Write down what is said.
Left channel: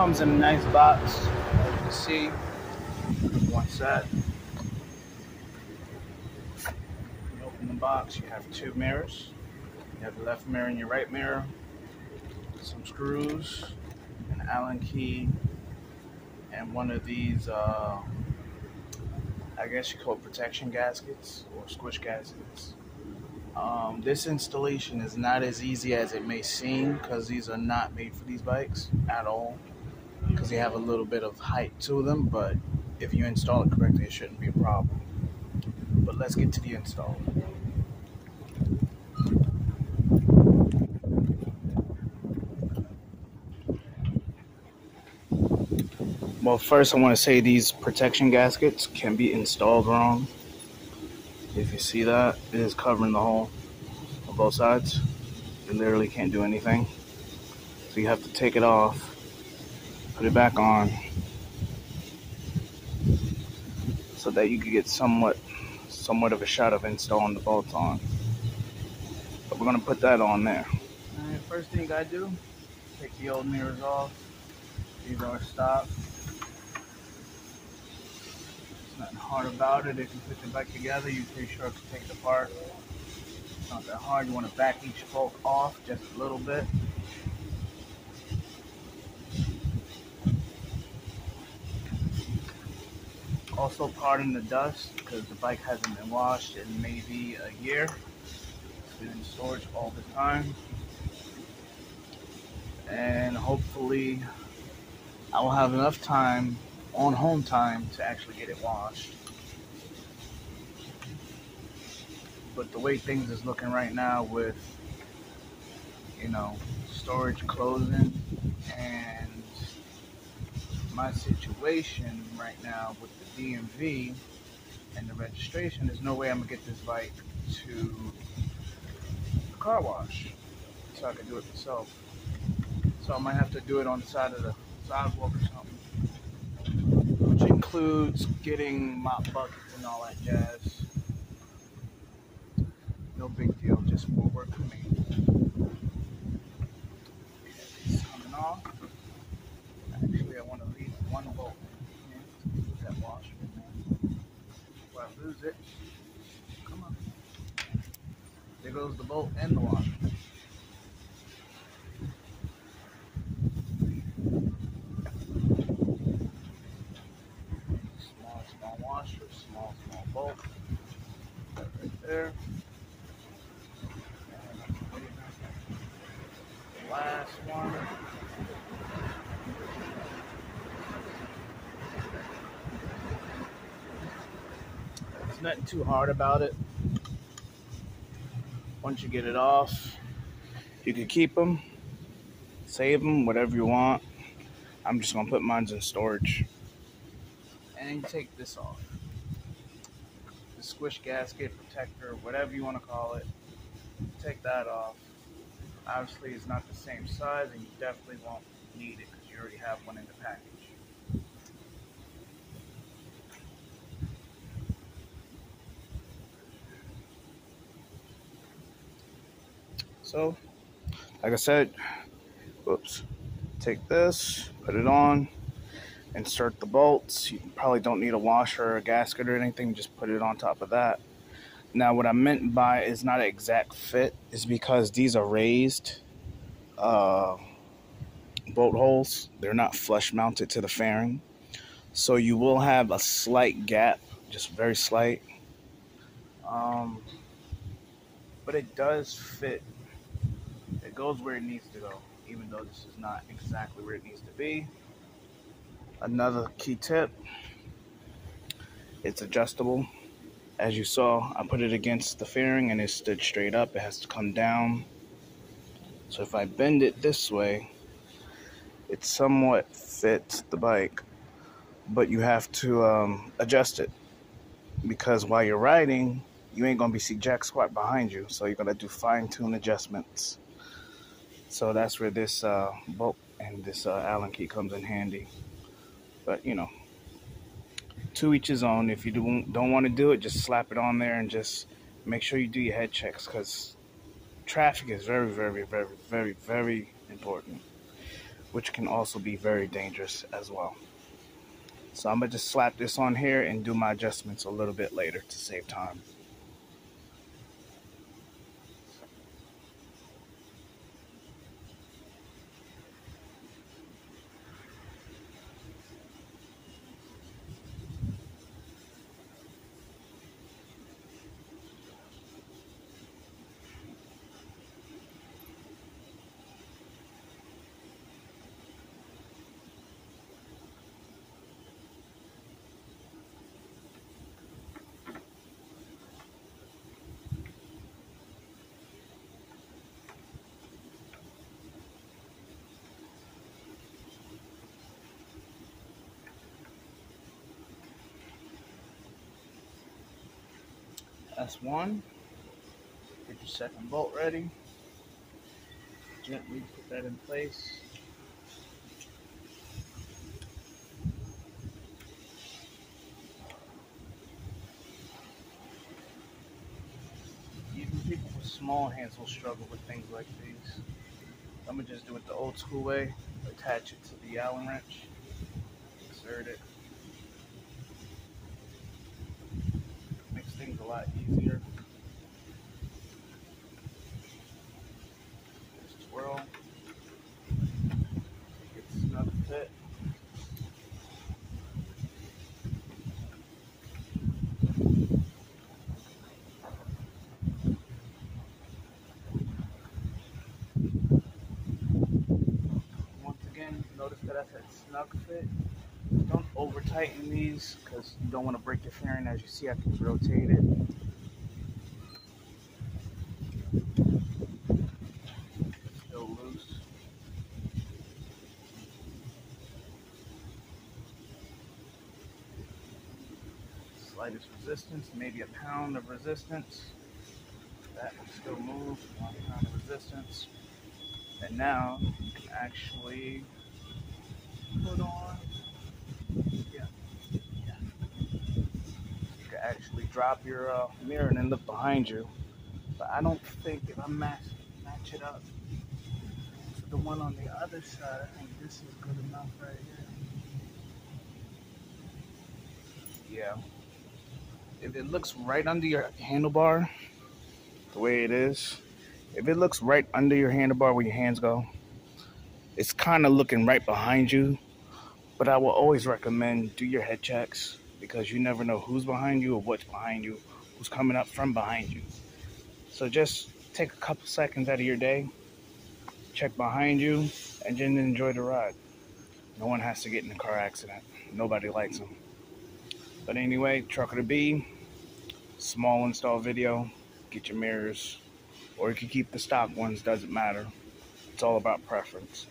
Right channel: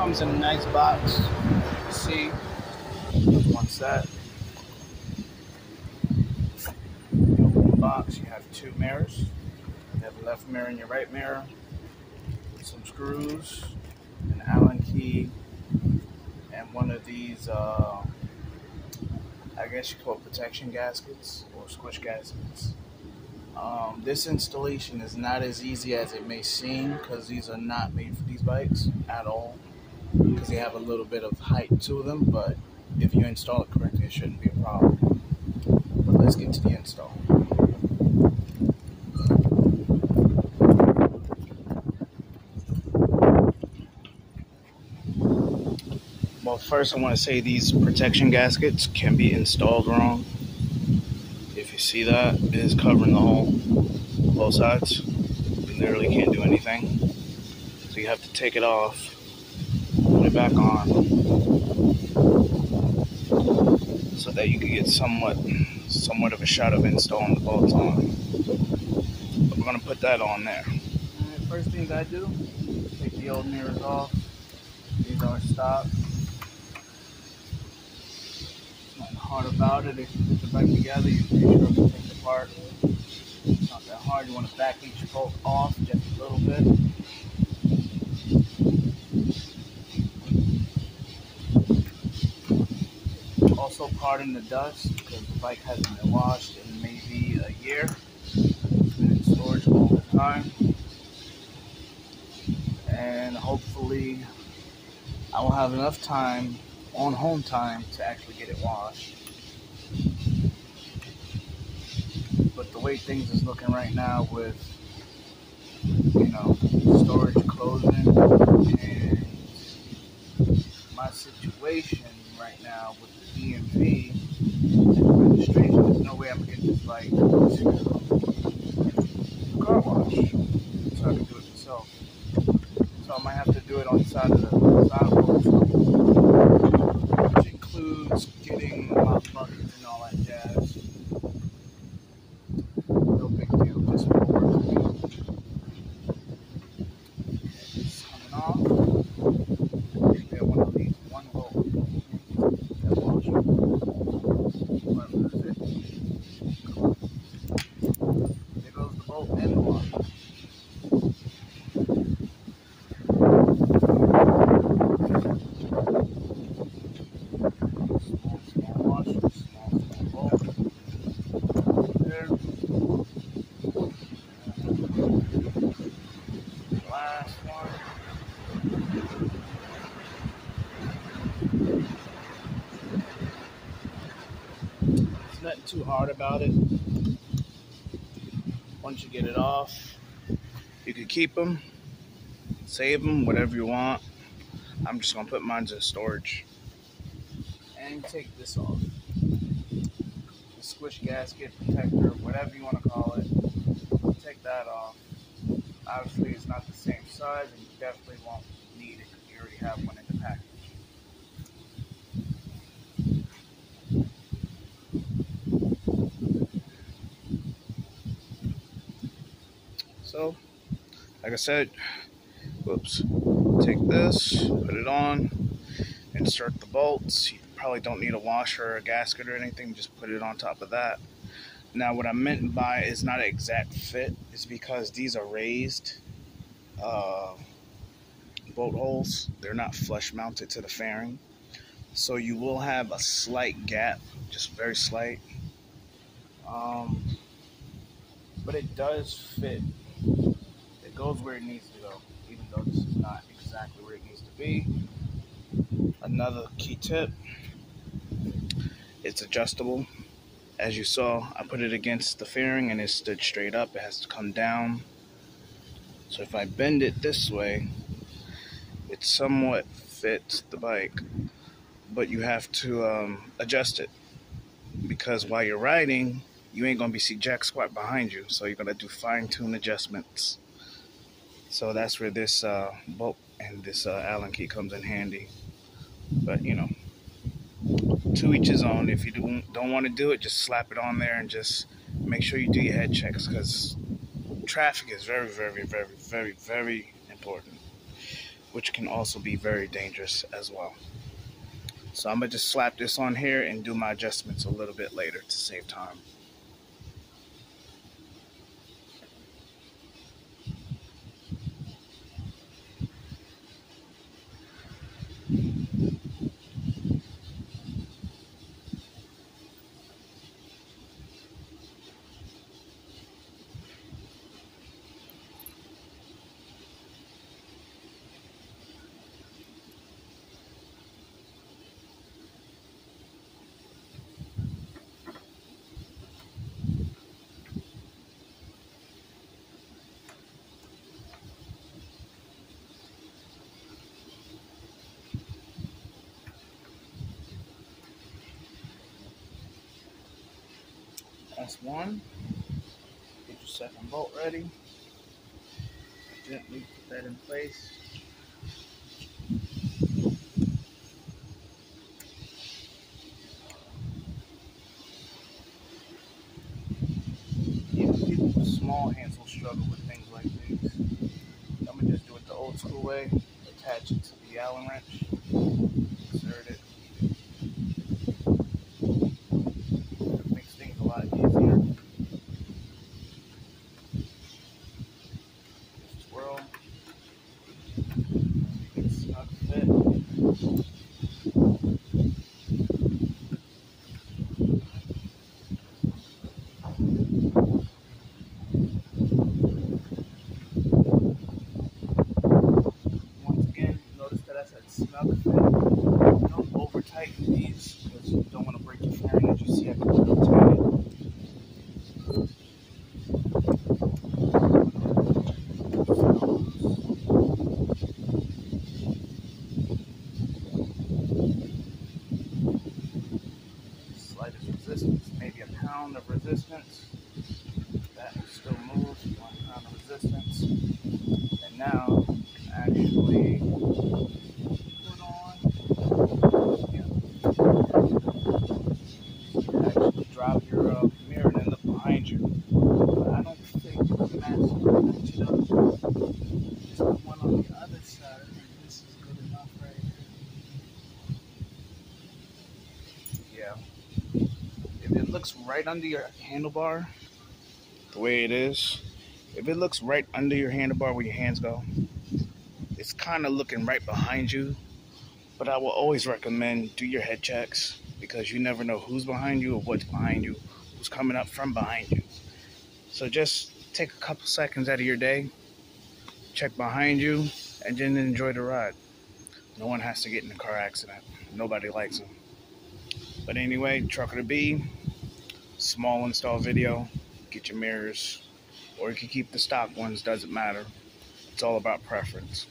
Comes in a nice box. As you can see, there's one set. You open the box, you have two mirrors. You have the left mirror and your right mirror, some screws, an Allen key, and one of these, I guess you call it protection gaskets or squish gaskets. This installation is not as easy as it may seem because these are not made for these bikes at all, because they have a little bit of height to them, but if you install it correctly, it shouldn't be a problem. But let's get to the install. Well, first I want to say these protection gaskets can be installed wrong. If you see that, it is covering the hole on both sides. You literally can't do anything. So you have to take it off, put it back on, so that you can get somewhat of a shot of installing the bolts on. But we're gonna put that on there. Alright, first thing I do, take the old mirrors off. These are stock. Nothing hard about it. If you put the bike together, you're pretty sure it can take it apart. It's not that hard. You want to back each bolt off just a little bit. Also, pardon the dust because the bike hasn't been washed in maybe a year. It's been in storage all the time. And hopefully I will have enough time on home time to actually get it washed. But the way things is looking right now with, you know, storage closing and my situation right now with the DMV and the registration, there's no way I'm gonna get this bike to the car wash. So I can do it myself. So I might have to do it on the side of the sidewalk, which includes getting mop buckets and all that jazz. No big deal, just more work for me. Okay, it's coming off. Actually, I want to leave one bolt here, that washer. If I lose it, come on. There goes the bolt and the washer. Small washer, small bolt. There. Last one. There's nothing too hard about it. Once you get it off, you can keep them, save them, whatever you want. I'm just gonna put mine in storage. And take this off. The squish gasket protector, whatever you want to call it. Take that off. Obviously, it's not the same size, and you definitely won't need it because you already have one in the package. So, like I said, whoops, take this, put it on, insert the bolts. You probably don't need a washer or a gasket or anything, just put it on top of that. Now, what I meant by is not an exact fit is because these are raised bolt holes. They're not flush mounted to the fairing. So you will have a slight gap, just very slight. But it does fit. It goes where it needs to go, even though this is not exactly where it needs to be. Another key tip, it's adjustable. As you saw, I put it against the fairing and it stood straight up. It has to come down. So if I bend it this way, it somewhat fits the bike, but you have to adjust it because while you're riding, you ain't gonna be see jack squat behind you. So you're gonna do fine-tune adjustments. So that's where this bolt and this Allen key comes in handy. But you know, to each his own. If you don't want to do it, just slap it on there and just make sure you do your head checks because traffic is very, very, very, very, very important. which can also be very dangerous as well. So I'm gonna just slap this on here and do my adjustments a little bit later to save time. That's one. Get your second bolt ready. Gently put that in place. Even people with small hands will struggle with things like these. I'm gonna just do it the old school way. Attach it to the Allen wrench. Insert it. Makes things a lot easier. Just twirl. Make it snug fit. Once again, notice that I said snug fit. Don't over tighten these because you don't want to break your fairing. As you see, I can rotate it. Slightest resistance, maybe a pound of resistance. That will still move, 1 pound of resistance. And now you can actually put on, you can actually drop your mirror and then look behind you. But I don't think I'm match it up to the one on the other side. I think this is good enough right here. Yeah. If it looks right under your handlebar, the way it is, if it looks right under your handlebar where your hands go, it's kind of looking right behind you. But I will always recommend do your head checks because you never know who's behind you or what's behind you, who's coming up from behind you. So just take a couple seconds out of your day, check behind you, and then enjoy the ride. No one has to get in a car accident. Nobody likes them. But anyway, Trucker to Be, small install video. Get your mirrors, or you can keep the stock ones, doesn't matter. It's all about preference.